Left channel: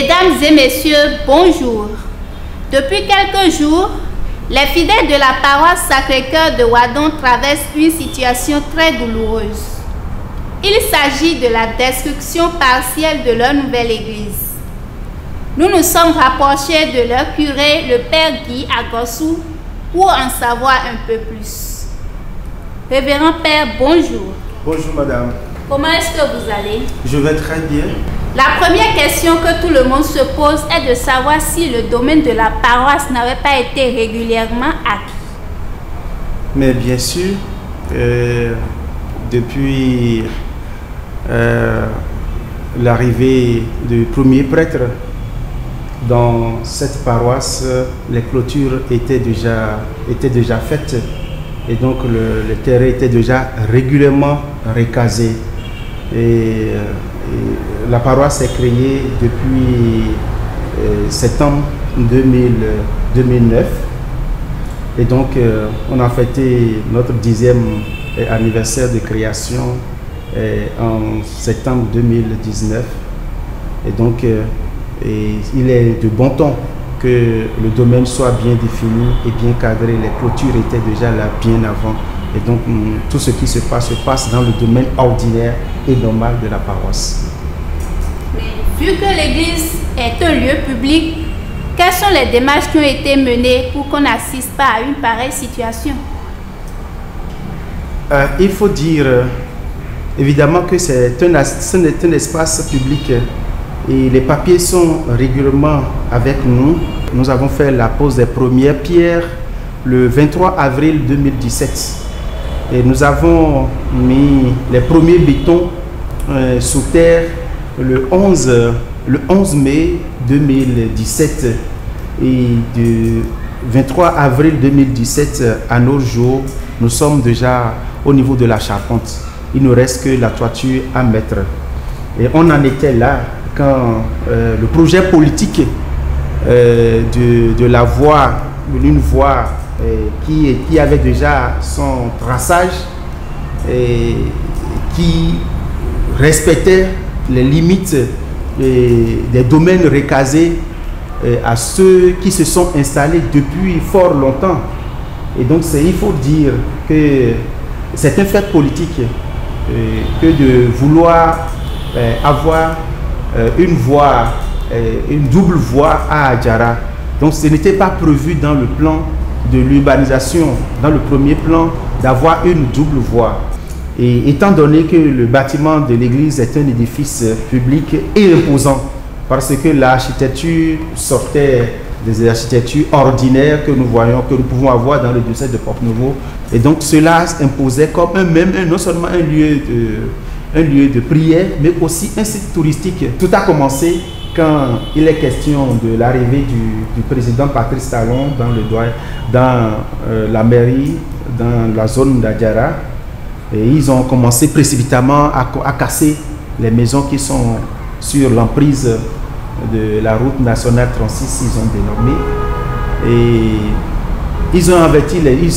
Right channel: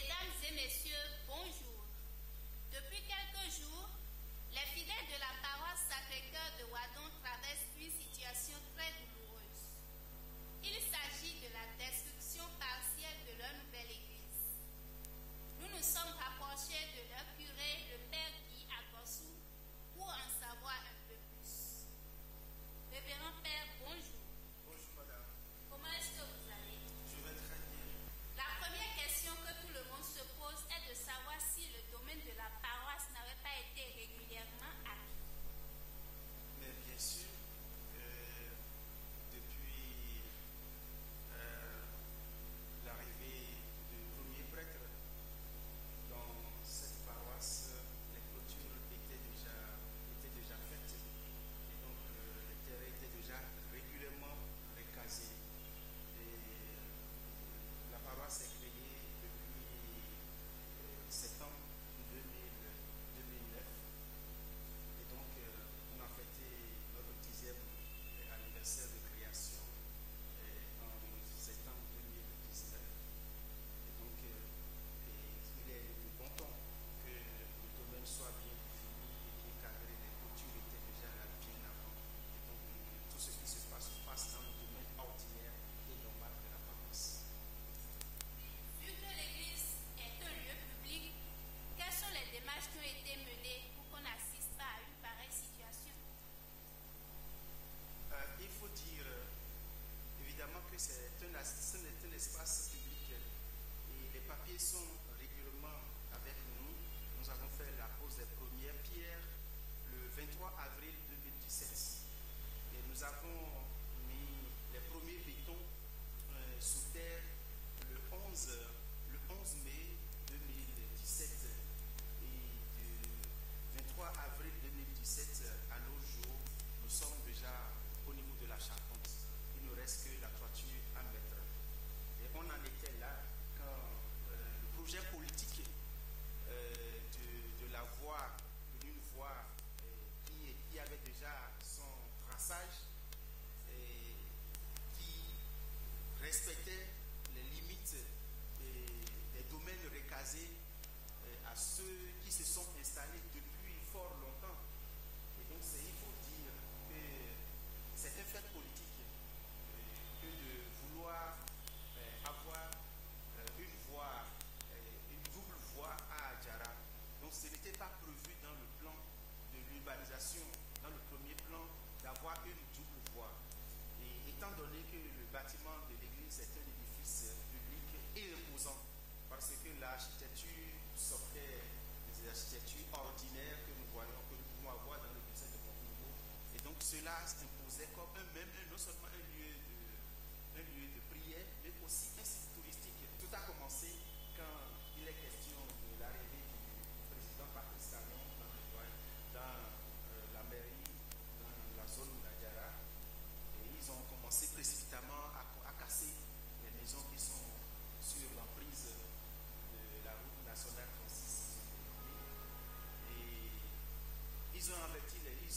Mesdames et messieurs, bonjour. Depuis quelques jours, les fidèles de la paroisse Sacré-Cœur de Wadon traversent une situation très douloureuse. Il s'agit de la destruction partielle de leur nouvelle église. Nous nous sommes rapprochés de leur curé, le père Guy Agossou, pour en savoir un peu plus. Révérend Père, bonjour. Bonjour madame. Comment est-ce que vous allez? Je vais très bien. La première question que tout le monde se pose est de savoir si le domaine de la paroisse n'avait pas été régulièrement acquis. Mais bien sûr, depuis l'arrivée du premier prêtre dans cette paroisse, les clôtures étaient déjà faites et donc le terrain était déjà régulièrement recasé. Et la paroisse est créée depuis septembre 2009 et donc on a fêté notre 10e anniversaire de création en septembre 2019 et donc il est de bon ton que le domaine soit bien défini et bien cadré. Les clôtures étaient déjà là bien avant. Et donc, tout ce qui se passe dans le domaine ordinaire et normal de la paroisse. Mais vu que l'église est un lieu public, quelles sont les démarches qui ont été menées pour qu'on n'assiste pas à une pareille situation? Il faut dire, évidemment, que c'est un espace public et les papiers sont régulièrement avec nous. Nous avons fait la pose des premières pierres le 23 avril 2017. Et nous avons mis les premiers bétons sous terre le 11 mai 2017. Et du 23 avril 2017 à nos jours, nous sommes déjà au niveau de la charpente. Il ne reste que la toiture à mettre. Et on en était là quand le projet politique de la voie, d'une voie qui avait déjà son traçage et qui respectait les limites des domaines recasés à ceux qui se sont installés depuis fort longtemps. Et donc il faut dire que c'est un fait politique que de vouloir avoir une voie, une double voie à Adjara. Donc ce n'était pas prévu dans le plan de l'urbanisation, dans le premier plan, d'avoir une double voie. Et étant donné que le bâtiment de l'église est un édifice public et imposant, parce que l'architecture sortait des architectures ordinaires que nous voyons, que nous pouvons avoir dans le diocèse de Porte-Nouveau, et donc cela imposait comme non seulement un lieu de prière, mais aussi un site touristique. Tout a commencé quand il est question de l'arrivée du président Patrice Talon dans la mairie, dans la zone d'Adjara. Et ils ont commencé précipitamment à casser les maisons qui sont sur l'emprise de la route nationale 36, ils ont dénommé. Et ils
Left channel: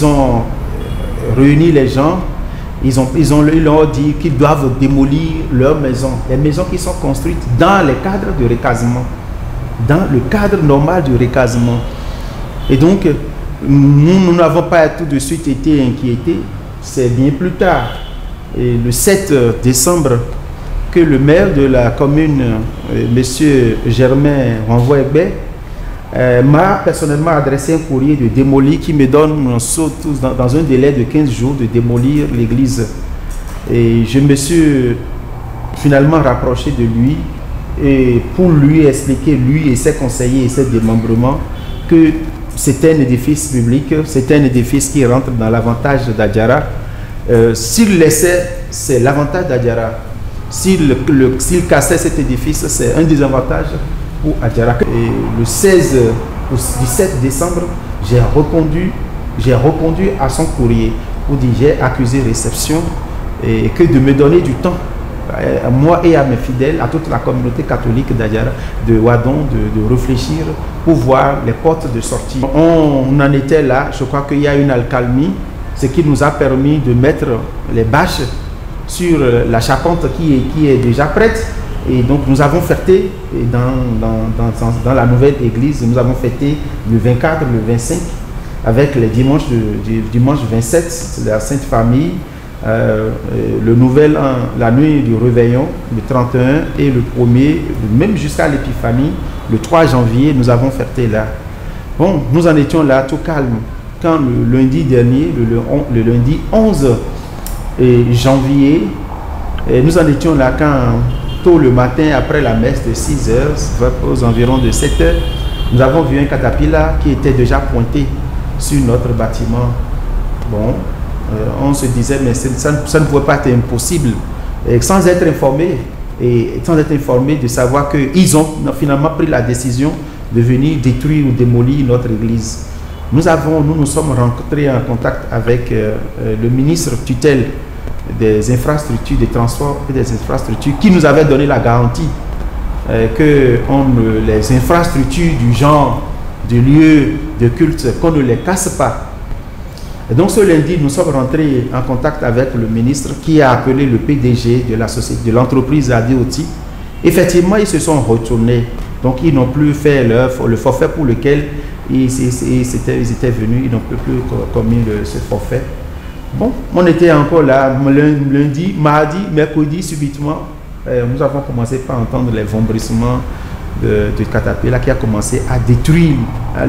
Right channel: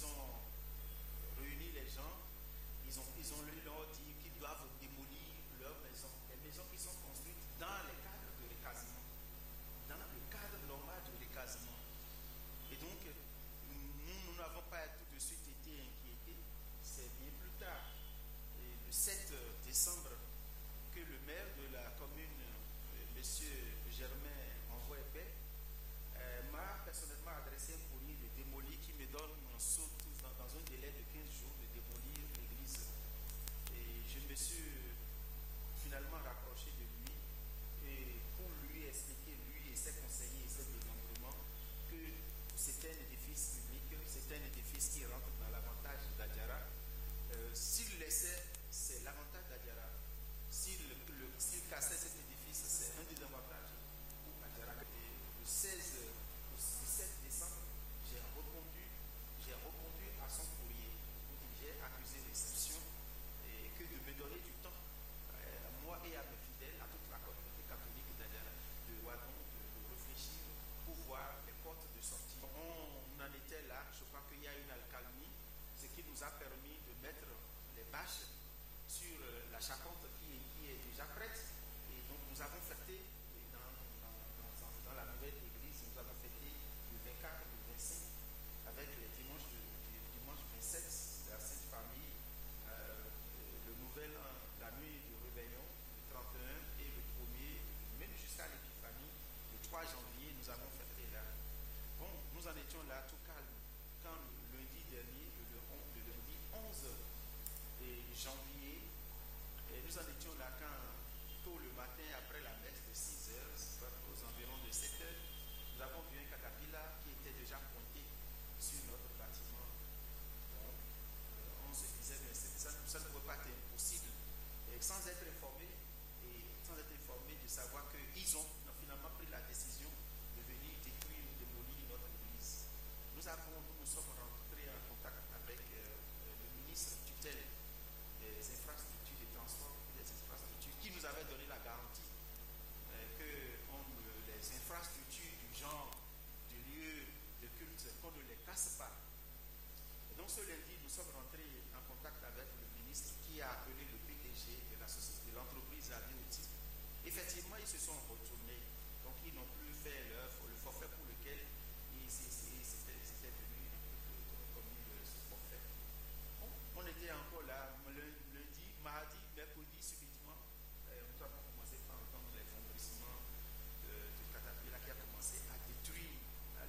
ont réuni les gens. Ils leur dit qu'ils doivent démolir leurs maisons, les maisons qui sont construites dans les cadres de recasement, dans le cadre normal du recasement. Et donc, nous n'avons pas tout de suite été inquiétés, c'est bien plus tard, et le 7 décembre, que le maire de la commune, M. Germain Renvoy-Egbe, m'a personnellement adressé un courrier de démolir qui me donne dans un délai de 15 jours de démolir l'église. Et je me suis finalement rapproché de lui et pour lui expliquer, lui et ses conseillers et ses démembrements, que c'était un édifice public, c'était un édifice qui rentre dans l'avantage d'Adjara. S'il laissait, c'est l'avantage d'Adjara. S'il cassait cet édifice, c'est un désavantage pour Adjara. Et le 16 au 17 décembre, j'ai répondu à son courrier pour dire j'ai accusé réception et que de me donner du temps, à moi et à mes fidèles, à toute la communauté catholique d'Adjara, de Wadon, de réfléchir pour voir les portes de sortie. On en était là, je crois qu'il y a une accalmie, ce qui nous a permis de mettre les bâches sur la charpente qui est déjà prête. Et donc nous avons fêté dans la nouvelle église, nous avons fêté le 24, le 25, avec les dimanches du dimanche 27, la Sainte Famille, le nouvel an, la nuit du réveillon, le 31 et le 1er, même jusqu'à l'épiphanie, le 3 janvier, nous avons fêté là. Bon, nous en étions là tout calme. Quand le lundi dernier, le lundi 11 janvier, nous en étions là quand tôt le matin, après la messe de 6 heures, aux environs de 7 heures, nous avons vu un caterpillar qui était déjà pointé sur notre bâtiment. Bon, on se disait, mais ça ne pouvait pas être impossible. Et sans être informé, de savoir qu'ils ont finalement pris la décision de venir détruire ou démolir notre église. Nous nous sommes rencontrés en contact avec le ministre tutelle des infrastructures, des transports et des infrastructures, qui nous avait donné la garantie que les infrastructures du genre de lieux de culte, qu'on ne les casse pas. Et donc ce lundi, nous sommes rentrés en contact avec le ministre qui a appelé le PDG de l'entreprise ADOTI. Effectivement, ils se sont retournés. Donc ils n'ont plus fait le forfait pour lequel ils étaient venus, ils n'ont plus commis ce forfait. Bon, on était encore là, lundi, mardi, mercredi, subitement, nous avons commencé par entendre les vombrissements de caterpillar qui a commencé à détruire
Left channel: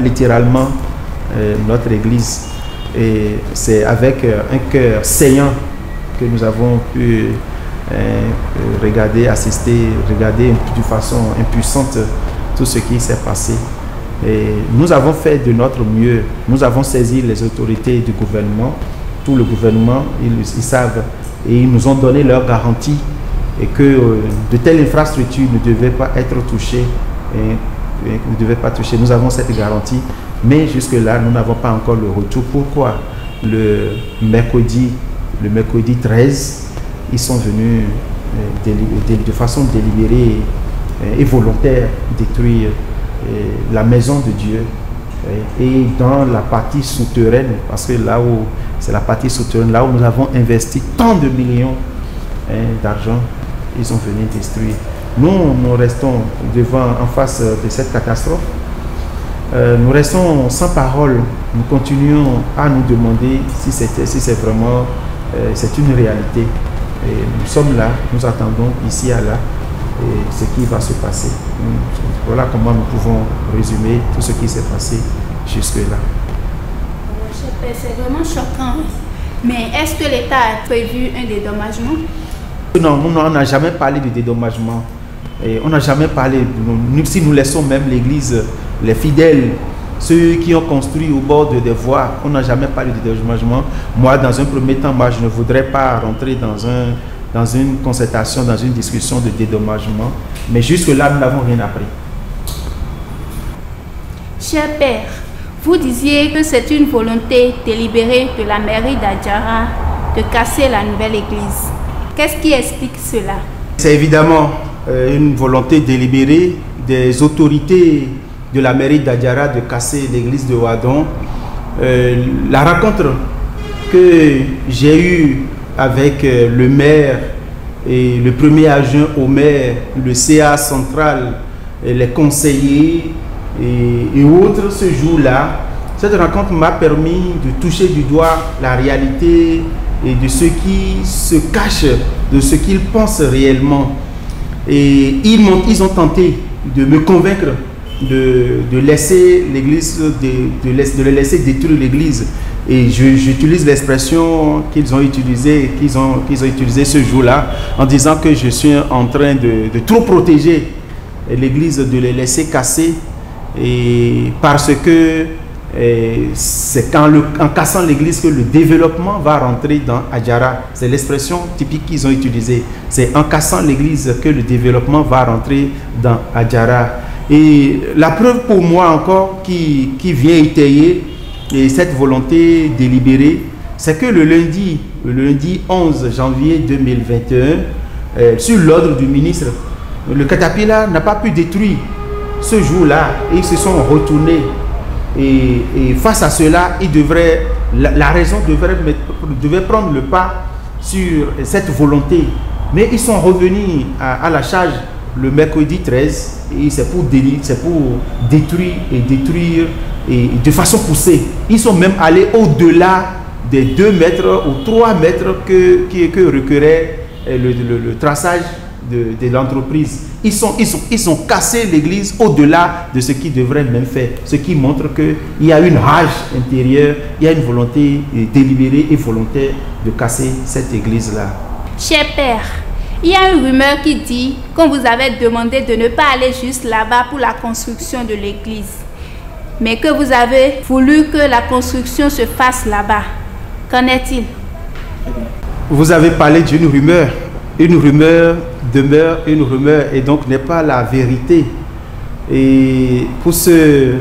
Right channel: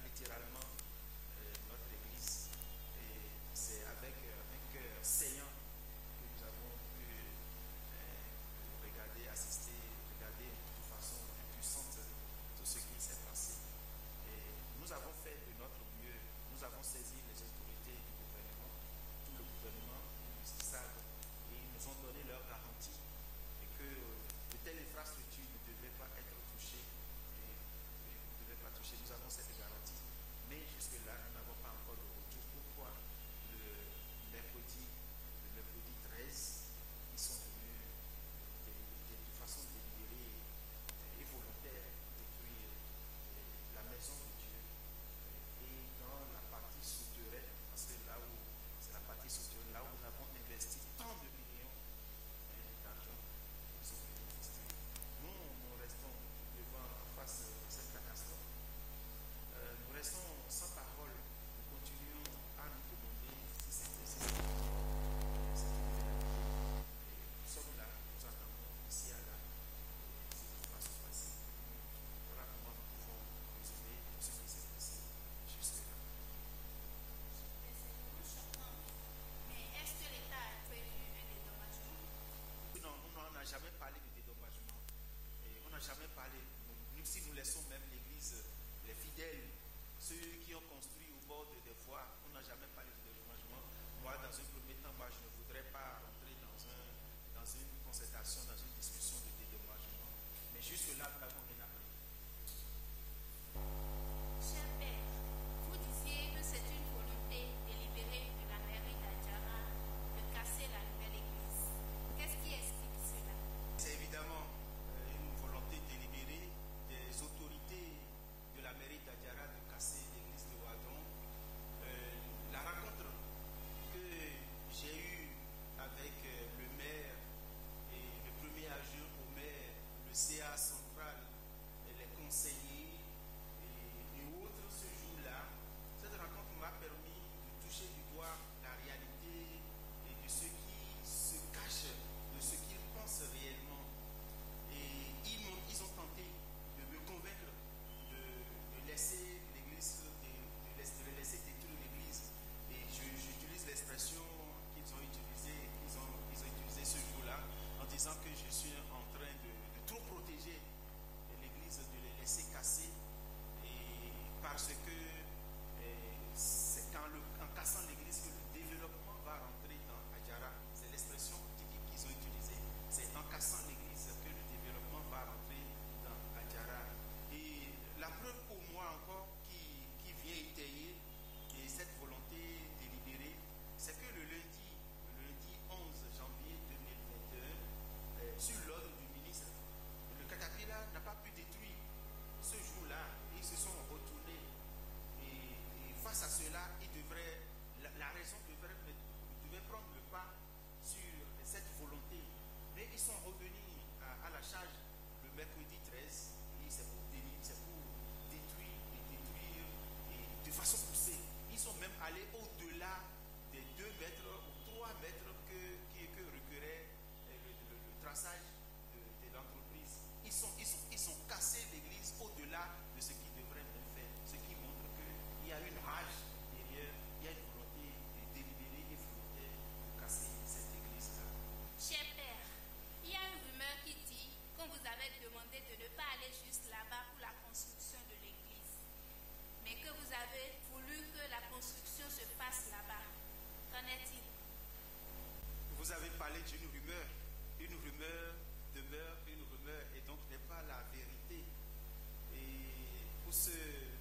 littéralement notre église. Et c'est avec un cœur saignant que nous avons pu regarder de façon impuissante tout ce qui s'est passé. Et nous avons fait de notre mieux. Nous avons saisi les autorités du gouvernement, tout le gouvernement, ils savent, et ils nous ont donné leur garantie et que de telles infrastructures ne devaient pas être touchées. Nous avons cette garantie, mais jusque-là, nous n'avons pas encore le retour. Pourquoi le mercredi 13, ils sont venus de façon délibérée et volontaire détruire la maison de Dieu et dans la partie souterraine, parce que là où c'est la partie souterraine, là où nous avons investi tant de millions d'argent, ils sont venus détruire. Nous restons en face de cette catastrophe. Nous restons sans parole. Nous continuons à nous demander si c'est vraiment c'est une réalité. Et nous sommes là, nous attendons ici à là ce qui va se passer. Voilà comment nous pouvons résumer tout ce qui s'est passé jusque-là. C'est vraiment choquant. Mais est-ce que l'État a prévu un dédommagement? Non, on n'a jamais parlé de dédommagement. Et on n'a jamais parlé, si nous laissons même l'église, les fidèles, ceux qui ont construit au bord des voies, on n'a jamais parlé de dédommagement. Moi, dans un premier temps, je ne voudrais pas rentrer dans une concertation, dans une discussion de dédommagement. Mais jusque-là, nous n'avons rien appris. Cher Père, vous disiez que c'est une volonté délibérée de la mairie d'Adjara de casser la nouvelle église. Qu'est-ce qui explique cela? C'est évidemment une volonté délibérée des autorités de la mairie d'Adjara de casser l'église de Wadon. La rencontre que j'ai eue avec le maire et le premier adjoint au maire, le CA central, et les conseillers et autres ce jour-là, cette rencontre m'a permis de toucher du doigt la réalité et de ce qui se cache, de ce qu'ils pensent réellement. Et ils ont tenté de me convaincre de laisser l'église, de les laisser détruire l'église. Et j'utilise l'expression qu'ils ont utilisée ce jour-là, en disant que je suis en train de trop protéger l'église, de les laisser casser, et parce que c'est en cassant l'église que le développement va rentrer dans Adjara. C'est l'expression typique qu'ils ont utilisée. C'est en cassant l'église que le développement va rentrer dans Adjara. Et la preuve pour moi encore qui vient étayer cette volonté délibérée, c'est que le lundi 11 janvier 2021, sur l'ordre du ministre, le caterpillar n'a pas pu détruire ce jour-là, et ils se sont retournés. Et face à cela, la raison devait prendre le pas sur cette volonté. Mais ils sont revenus à la charge le mercredi 13, et c'est pour détruire et de façon poussée. Ils sont même allés au-delà des 2 mètres ou 3 mètres que requérait le traçage de l'entreprise. Ils ont cassé l'église au-delà de ce qu'ils devraient même faire. Ce qui montre qu'il y a une rage intérieure, il y a une volonté délibérée et volontaire de casser cette église-là. Cher Père, il y a une rumeur qui dit qu'on vous avait demandé de ne pas aller juste là-bas pour la construction de l'église, mais que vous avez voulu que la construction se fasse là-bas. Qu'en est-il? Vous avez parlé d'une rumeur. Une rumeur demeure une rumeur et donc n'est pas la vérité. Et pour ceux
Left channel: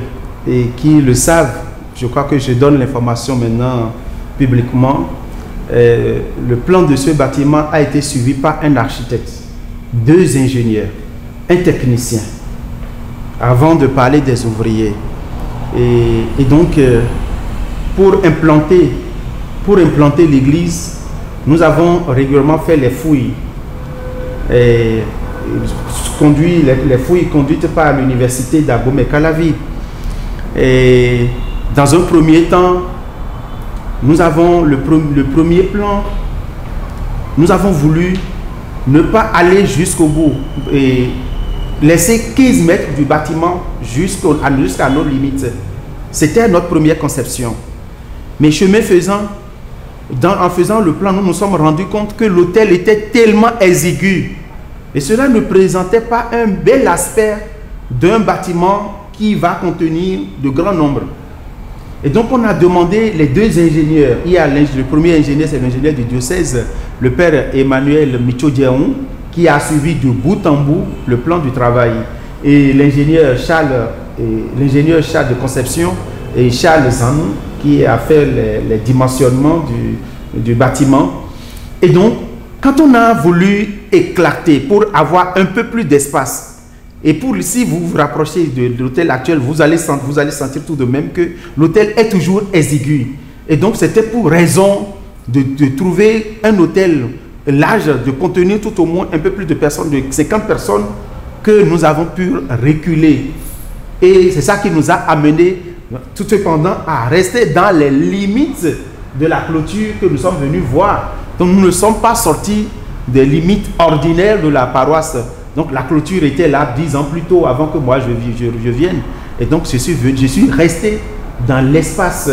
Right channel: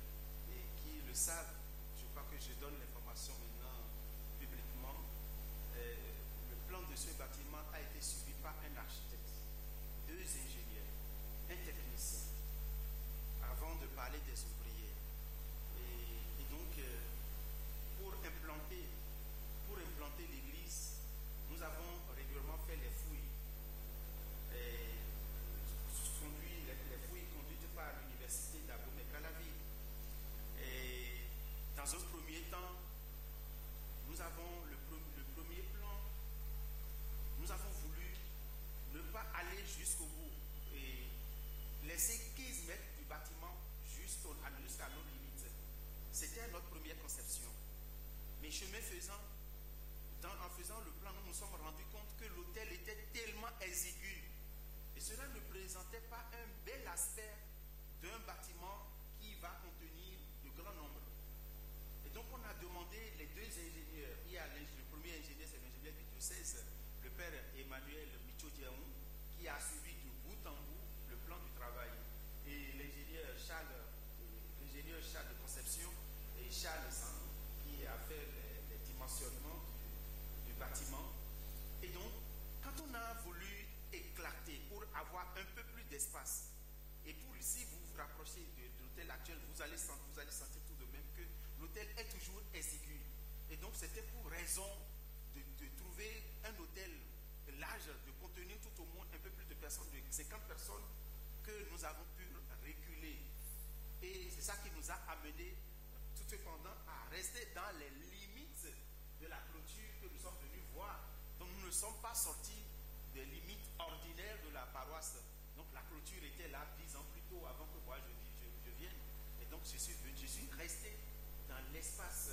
qui le savent, je crois que je donne l'information maintenant publiquement. Le plan de ce bâtiment a été suivi par un architecte, 2 ingénieurs, un technicien, avant de parler des ouvriers. Et donc, pour implanter l'église, nous avons régulièrement fait les fouilles. Les fouilles conduites par l'université d'Abomey-Calavi. Et dans un premier temps, nous avons le premier plan. Nous avons voulu ne pas aller jusqu'au bout et laisser 15 mètres du bâtiment jusqu'à nos limites. C'était notre première conception. Mais chemin faisant, en faisant le plan, nous nous sommes rendus compte que l'hôtel était tellement exigu et cela ne présentait pas un bel aspect d'un bâtiment qui va contenir de grands nombres. Et donc on a demandé les 2 ingénieurs. Il y a le premier ingénieur, c'est l'ingénieur du diocèse, le père Emmanuel Micho-Diaon, qui a suivi de bout en bout le plan du travail. Et l'ingénieur Charles de conception et Charles Zanou, qui a fait les dimensionnements du bâtiment. Et donc, quand on a voulu éclater pour avoir un peu plus d'espace, et si vous vous rapprochez de l'hôtel actuel, vous allez sentir tout de même que l'hôtel est toujours exigu. Et donc, c'était pour raison de trouver un hôtel large, de contenir tout au moins un peu plus de personnes, de 50 personnes, que nous avons pu reculer. Et c'est ça qui nous a amené tout cependant à rester dans les limites de la clôture que nous sommes venus voir. Donc nous ne sommes pas sortis des limites ordinaires de la paroisse. Donc la clôture était là 10 ans plus tôt avant que moi je vienne. Et donc je suis resté dans l'espace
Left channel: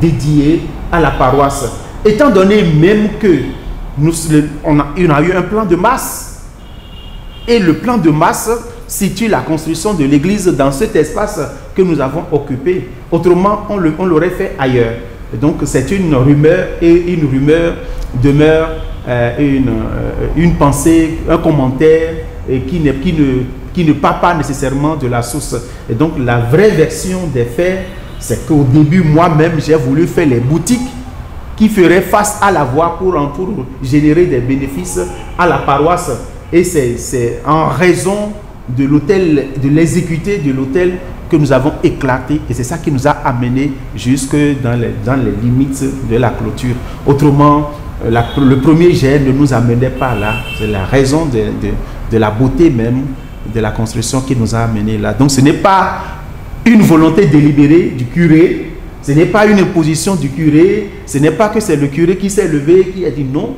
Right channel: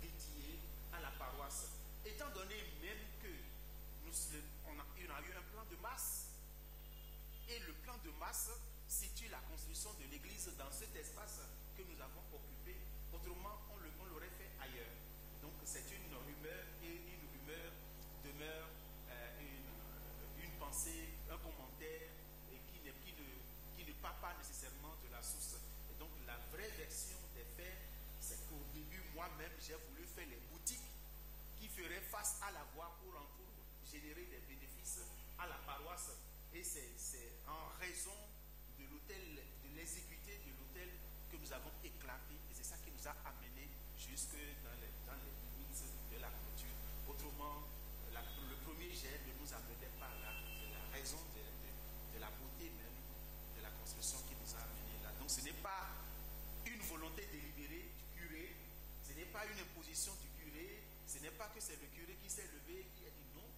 dédié à la paroisse. Étant donné même que on a eu un plan de masse. Et le plan de masse situe la construction de l'église dans cet espace que nous avons occupé. Autrement, on l'aurait fait ailleurs. Et donc, c'est une rumeur, et une rumeur demeure une pensée, un commentaire qui ne part pas nécessairement de la source. Et donc, la vraie version des faits, c'est qu'au début, moi-même, j'ai voulu faire les boutiques qui feraient face à la voie pour générer des bénéfices à la paroisse. Et c'est en raison de l'hôtel, de l'exécuté de l'hôtel que nous avons éclaté, et c'est ça qui nous a amené jusque dans les limites de la clôture. Autrement, le premier jet ne nous amenait pas là. C'est la raison de la beauté même de la construction qui nous a amené là. Donc ce n'est pas une volonté délibérée du curé, ce n'est pas une imposition du curé, ce n'est pas que c'est le curé qui s'est levé, qui a dit non.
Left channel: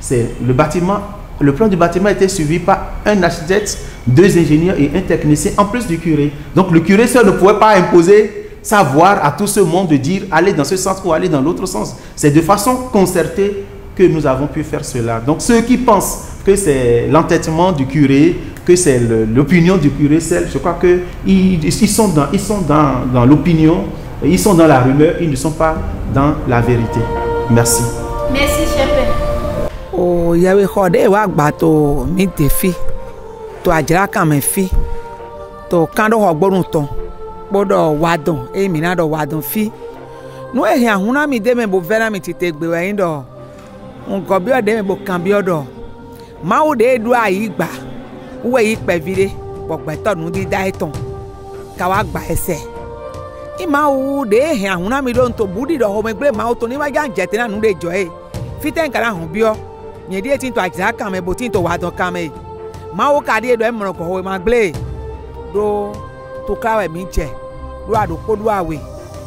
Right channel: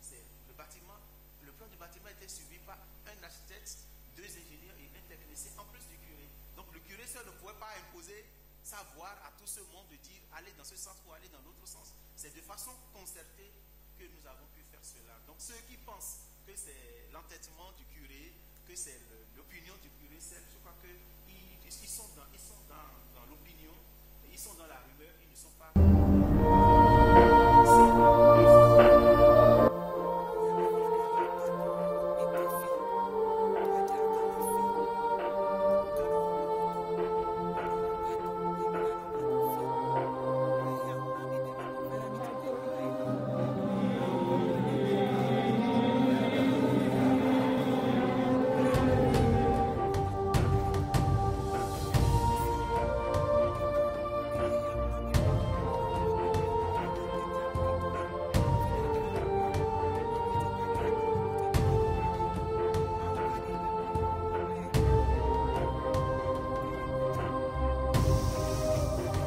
C'est le bâtiment. Le plan du bâtiment était suivi par un architecte, 2 ingénieurs et un technicien, en plus du curé. Donc le curé seul ne pouvait pas imposer sa voix à tout ce monde de dire allez dans ce sens ou allez dans l'autre sens. C'est de façon concertée que nous avons pu faire cela. Donc ceux qui pensent que c'est l'entêtement du curé, que c'est l'opinion du curé seul, je crois qu'ils sont dans l'opinion, ils sont dans la rumeur, ils ne sont pas dans la vérité. Merci. Merci, cher Père. O yawe xɔɖe wa gba to mi de fi to adzra kame fi to kan ɖo xɔ gbɔnu tɔ kpɔɖɔ wadɔn eye mi na ɖɔ wadɔn fi nu ehe ahuna mi de me bo vɛ na mi tete gbe wɛ yin ɖɔ ŋgɔ bi ɔɖe me bo kan bi ɔɖɔ mawu ɖe ɖo ayi gba wo yi kpɛvi ɖe gbɔgbɛtɔ nu dida etɔn ka wa gba ɛsɛ imawu ɖe ehe ahuna mi ɖo ŋutɔ bu ɖi ɖɔ xɔme gble mawu to ni ma dza dzete na nu ɖe dzɔ ye fite nkana hɔn biɔ nye die tinto adzra kame bo tinto wadon kame Mawo kadi do emro ko we magle. Do to kawe mi je. Do ado ko do awe.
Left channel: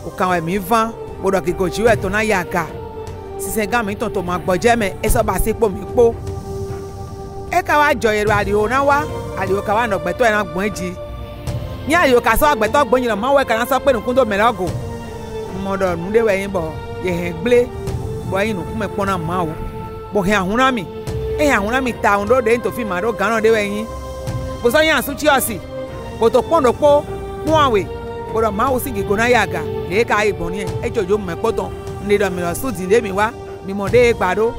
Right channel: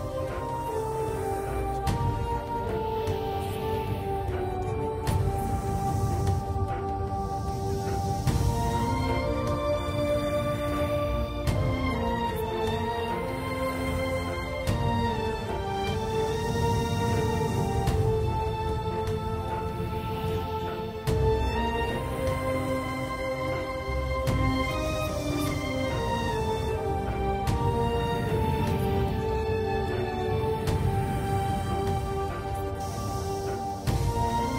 O kawe mi van. O do ki ko jiwe to na yaga. Si se ga mi ton to ma gboje me e so ba se po mi po. E ka wa jo ero ariwo na wa. Ariwo ka wa no gbe to e na gbon ji. Ni ariwo ka so agbe to gbon yin ma we ka na so pe nukun do melogo. Mo do nu de we yin bo. Ye he gble. Bo yin nu ku me pona ma o. Bo he ahuna mi. E ahuna mi ta ndo de to fi ma do gan de we yin. Bo so yan su chi osi. Bo to pon do po mu awe. Bo do ma o si ki go na yaga. Le ka igbon ni e jojo me poton. Ni do mi lo su ti de mi wa. Mi mo de gbado.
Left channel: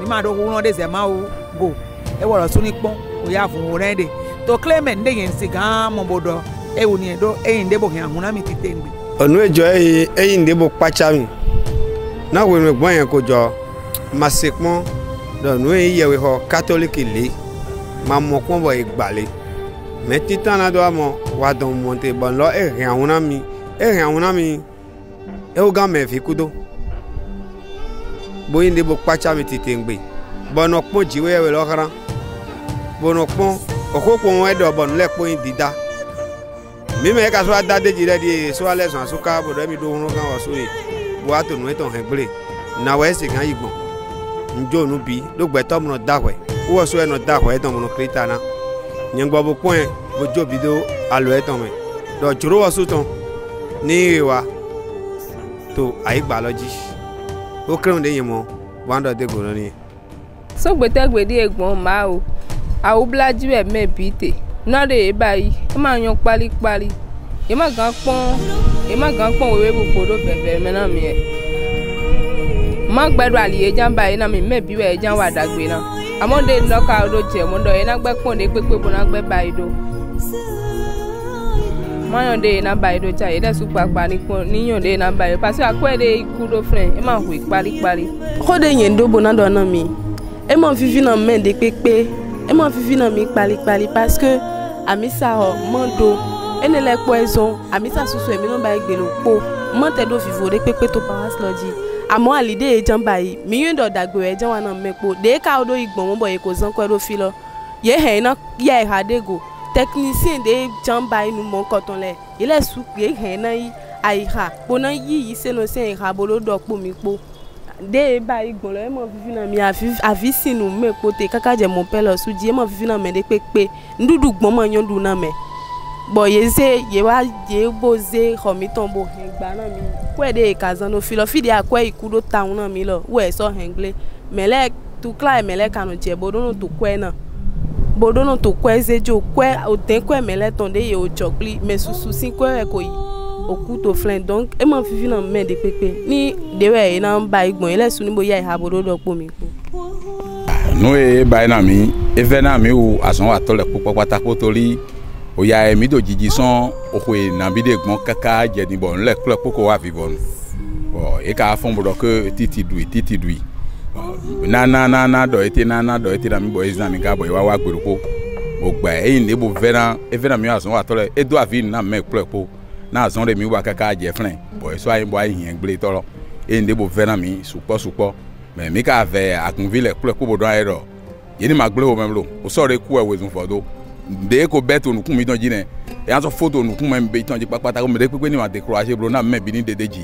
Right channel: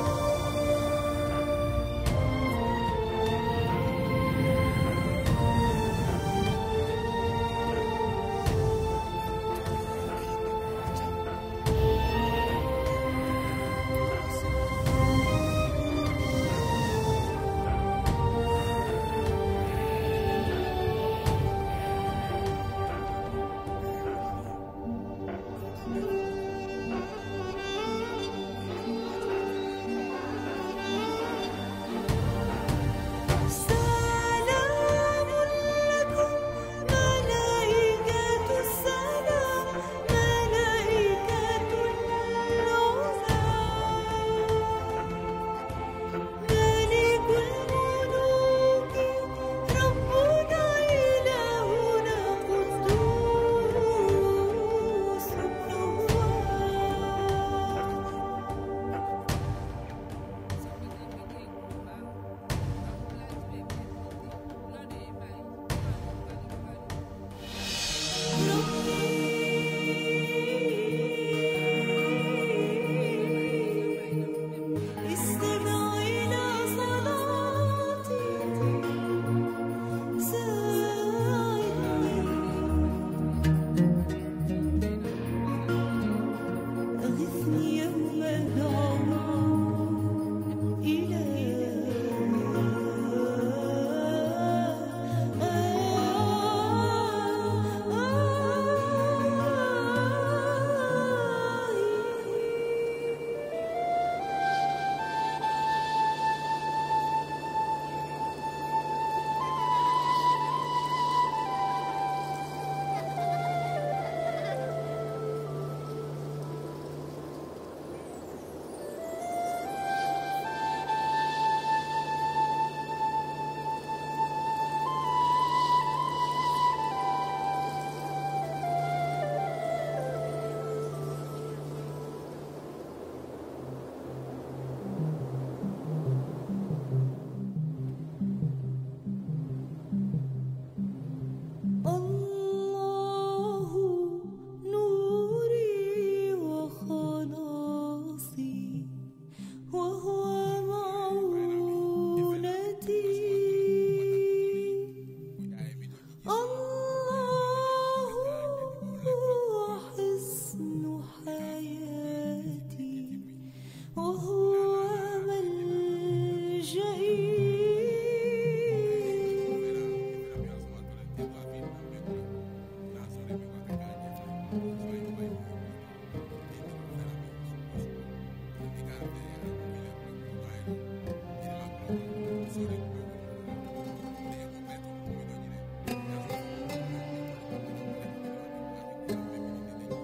Mi ma do hu no de se ma o go. E wo lo su ni pon. O ya fun o rende. To claim de yin si gan mo bodo. E wo ni do e yin de bo he ahuna mi ti te mi. Onu ejo yin de bo pacha mi. Na we me gbon yen ko jo. Masekmo do nu yewe ho catholic le ma mo ko bo igbale me titan la do amo wa don monte bon lo e rin awuna mi e o ga me fi kudo bo yin de bo pacha mi titengbe bono pon jiwe we lo karan bono pon okoko won e do bon le po yin dida mi me ka so adade jire di so ale san so ka bo do mi do run na o so e bo ato nu e ton hegbere na we se kan igbo njo nu bi lo gbe to mo dahwe wo so e no dahwe ton mo krita na nyengbo bo point ojo bi do alo e ton me do juro wo so ton ni wa to ai biology o krem de yemo wando de goro ni so gbe di egbon ma o a o blaju e me bite na de bayi e ma yan pali e ma gan pon wewe bu podo bebe me na mi e ma gbẹ̀rù àlìyé jàmbá iná mi mẹ́bí wẹ̀ ẹja wà dàgbé náà àmọ́dé lọ́ka olóòjẹ́ mọ́dọ̀ iná gbẹ́ pọ̀ ní pépé bó náà gbẹ́ báyìí dó mọ́yọ̀dé iná báyìí dó jáde dẹ́sù pàpà níyànjẹ́ iná báyìí pàṣẹ àkọ́ẹ̀dẹ́ ikú ló fẹ́ ẹ máa hù ìparíparí. kóde yẹn dó bó náà dọ̀nà mi ẹ máa fífi náà mẹ́ẹ̀dẹ́ pépé ẹ máa fífi náà mi paríparí parce que àmísà ọ̀ mọ́dọ̀ ẹni lẹ́pọ̀ ẹ̀zọ́ àmísà soso ẹ̀mí náà báyìí gbèrò pò mọ́tẹ̀dọ̀ fìfò rẹ pépé tó pa wá sílọ́jì àmọ́ àlìdé ejan báyìí mi yóò dọ̀ dàgbò ẹ̀jẹ̀ wa náà mẹ́pọ̀ dé ká odò ìgbọ̀n wọn bọ̀ yẹ kò zan kọ́ fi lọ yẹ hẹ̀ iná yẹ ẹ̀ha dégò technicien dé jan báyìí nu mọ̀ kọ̀tàn lẹ̀ ilẹ̀ sùn yẹ hẹ̀ iná yí àyíká kóná yí sẹ́nu sẹ́yìn ìhà bolo dọ̀ pò mí pò dé báyìí gbọ̀n lọ ẹ mọ̀ fífi náà mi àfi sínú mẹ́pọ̀ tẹ kákàjẹ́ mọ̀ pẹ́ lọ sùn jí ẹ mọ̀ fífi náà mẹ́ dé pépé ndúdú gbọ́n mọ̀ yán dùn náà mẹ́ bọ̀ yẹ wá yẹ bó zé xɔmitɔn bó ìgbà náà mi wẹ́ẹ̀ de kazan ló fi lọ fìdí àkọ́ ìkú ló ta òun náà mi lọ wẹ́ẹ̀ sọ hẹ̀nglé mẹ́lẹ́ tukla ẹ̀ mẹ́lẹ́ kanu jẹ́ bodónù tó kọ́ ẹ̀ náà bodónù tó kọ́ ẹ̀ zéjò kọ́ ẹ̀ òtẹ́ kọ́ ẹ̀ mẹ́lẹ́ tán dé yẹ òjọ́ pli mẹ́ susu sí kọ́ ẹ̀ kò yìí òkú tó filẹ̀ donc ẹ̀ mọ̀ fífi náà mẹ́ de pépé ní dewẹ́ yìí náà ń ba ìgbọ̀n yìí lẹ́sùn níbo yá ìhà bodó pò mí kú. nù ẹ̀ báyìí náà mi ẹ̀fẹ̀ náà mi wò àsán àtọ́lẹ̀ púpọ̀ pátákó torí oya emi do jiji son okoe nabide gbon kaka jeni bon le kle poko wa vivon e ka fon bodo ke titi dui na do ete na mi bo exam ga bo wa gberuko o gba e ni bo vera mi ason wa tole e do avi na me kle po na ason re mi wa kaka je fren bo so ayin bo ayin gble toro e ni bo vera mi supo me mi ka ve akunvile kle po bodo ayro yeni magble o memlo o so re ku e wezun fodo de ko beto nu kumi don jine e an so photo nu kuma mbe ton ji papata ko me de pepe ni ma décourager bro na me bi ni dedeji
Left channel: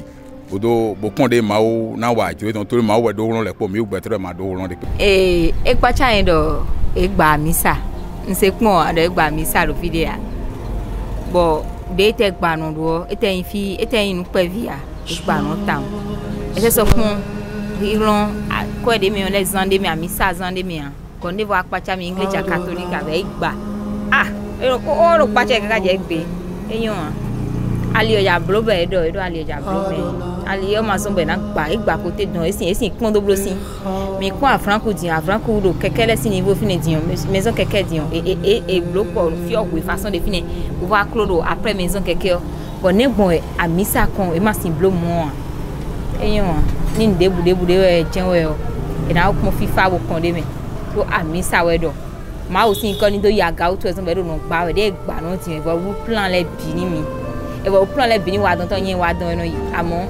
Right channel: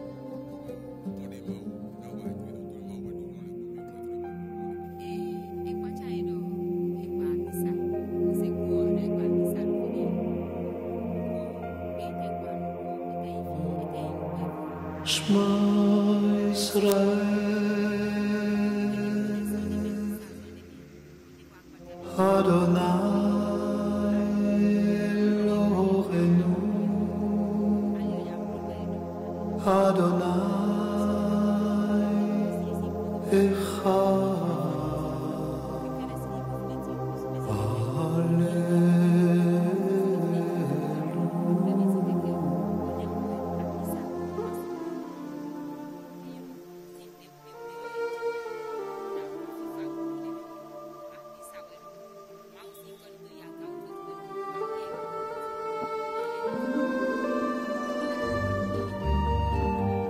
odo bo konde ma o na wa jure ton tori ma o we do ron le po mi o gbetre ma do ron de e gba chain do e gba misa nse pon ado e gba misa lo video bo de te gba no do e te yin pe via gba no ta e se so kun iron ko de mi on les zande mi amisa zande mi an ko ne va pacha mi iglesia catholique ave gba ero ko oro pacha kaka je gbe eyan ali oya blobe edo ali oja blobe ali o ma so be na gba ko te don esin pon do blo sin mi ko afranco do kekele sin niveau fini dion maison keke dion et bloco fi o we façon de fini on va clodo après maison keke bon ne bon amisa kon e ma sin blo mo eyan ni debu de jenwe o e na ko fifa wo kon de me to amisa wedo ma o sin ko ni do yaga o to eson be do no gba we de gba no ti e bo plan le bi ni mi e bo plan le bi ni wa don to yen wa don eno yi amo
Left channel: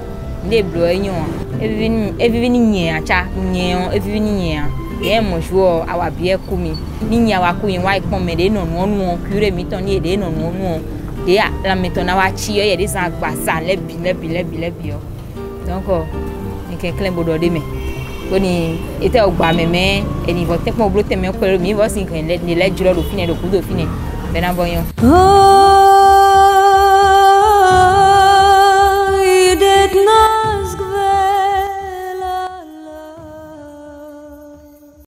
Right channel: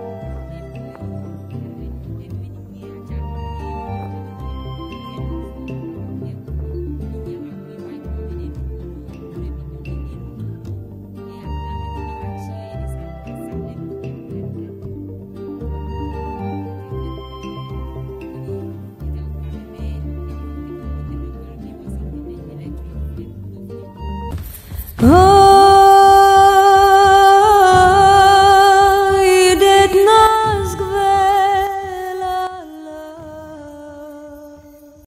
le blo eyan e vivi ni yen acha yen e vivi ni yen et mon jour à wa bien koumi ni ya wa koumi wa ipon me de non non cure mi ton ni de non non de la meton wa chi e de san gba san lebi donc ni quelqu'un bodo de me boni était au gba meme et ni vote pour bloquer me ko mi vo sin kan le juro do fine do kudo fine be na boyon